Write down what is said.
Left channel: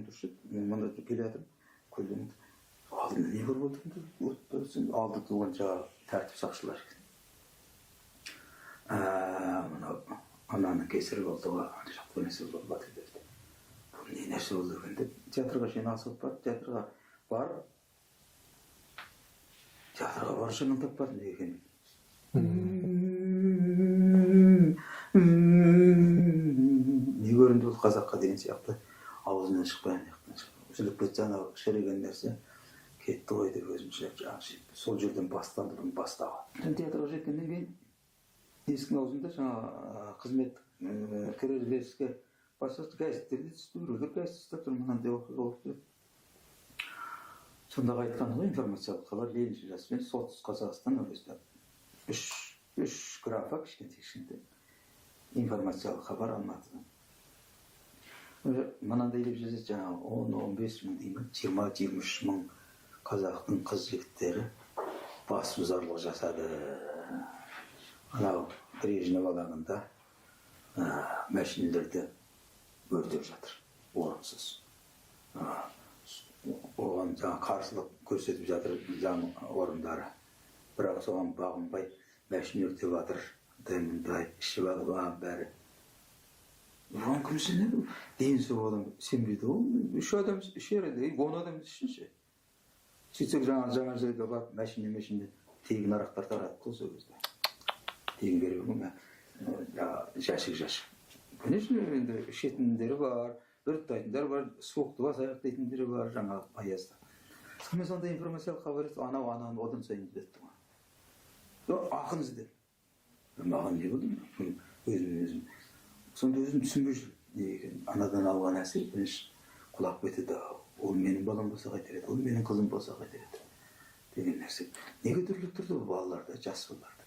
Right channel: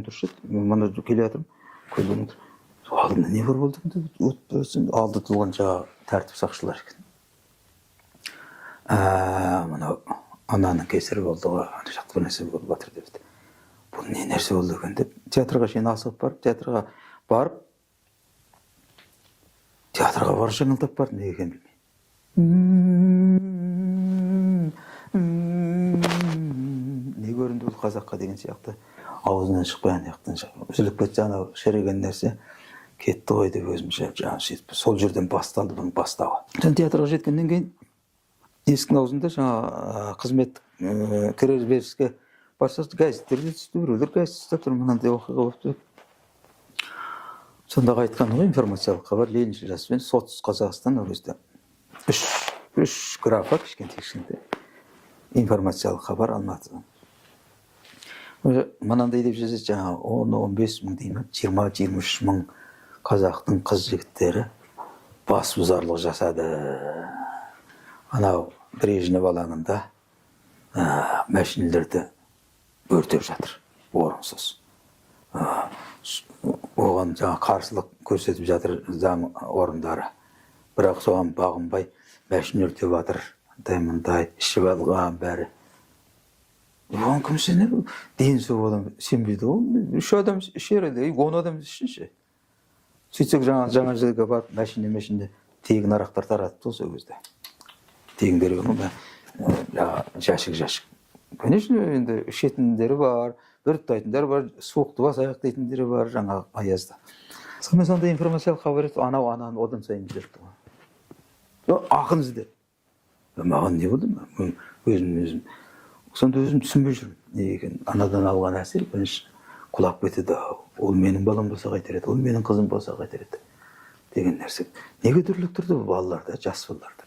көйлегім тұршы еді, мана келе жатырмын, көйлегім тұр. Алдымда не бар болды екен деп, алды тұлған жаңағы тәртіп сақшылар екен. Мынау ананың кесірі болды ғой, ана жақта бір нәрсе болып жатыр депті. Бұл не нәрсе болды екен деп, театрға шейін асығып барып, театрға барып жаңылдап бардым, не екен білмей. Не көрінді бұл қазаққа деген сияқты, аузынан шықпай ана жақтан үзіліп кетсе, анау шіріген нәрсе кетті ғой деп өзімше жаңағы сөйтіп сол жерден басталды бұның бастауы. Театрға жеткеннен кейін есіктің аузында жаңа қызметтік кірер беріске бастады, газеттерде түсті, біреулер газетте тұр, мынандай оқиға болыпты. Сонда айтқан ғой, информациялық хабар, Лениншіл жаспен Солтүстік Қазақстан ол кезде үш графа кішкентай информациялық хабар Алматыдан. Мынандай деп жазады, жаңа 10-15 мың деймін, 20-23 мың қазақтың қыз жігіттері бас бұзарлық жасады. Анау Брежнев алаңында машинелерді өртеп жатыр, орынсыз. Оған жаңа қарсылық көрсетіп жатыр заң орындары. Бірақ соған бағынбай машина өртеп жатыр, мындай ішіп алған бәрі. Оған кім сенеді? Дені сол адам сенбейді ғой. 3 адам ішереді, 10 адам ішінші. Сөйтсек жаңа жерге барып, машина тегін арақтар таратты сол кезде. Тегін берген ғой, жәшік. Конечно, енді ішетіндері бар, бүрттайтындері бар, суықты бас аяқ дейтіндері бар, жаңа аязда. Сонда информациялық хабар етті, ананы одан сайын жүрді ғой. Ақын ізде. Маған не болды ма? Өзім. Сонда өзім түсінбей жүрмін. Не екен, анадан алған әсер, бірінші құлап кетеді. Ол менің балам болса қайтер еді, ол менің қызым болса қайтер еді деген нәрсе. Неге дүрліктірді бұл балаларда, жас балаларда?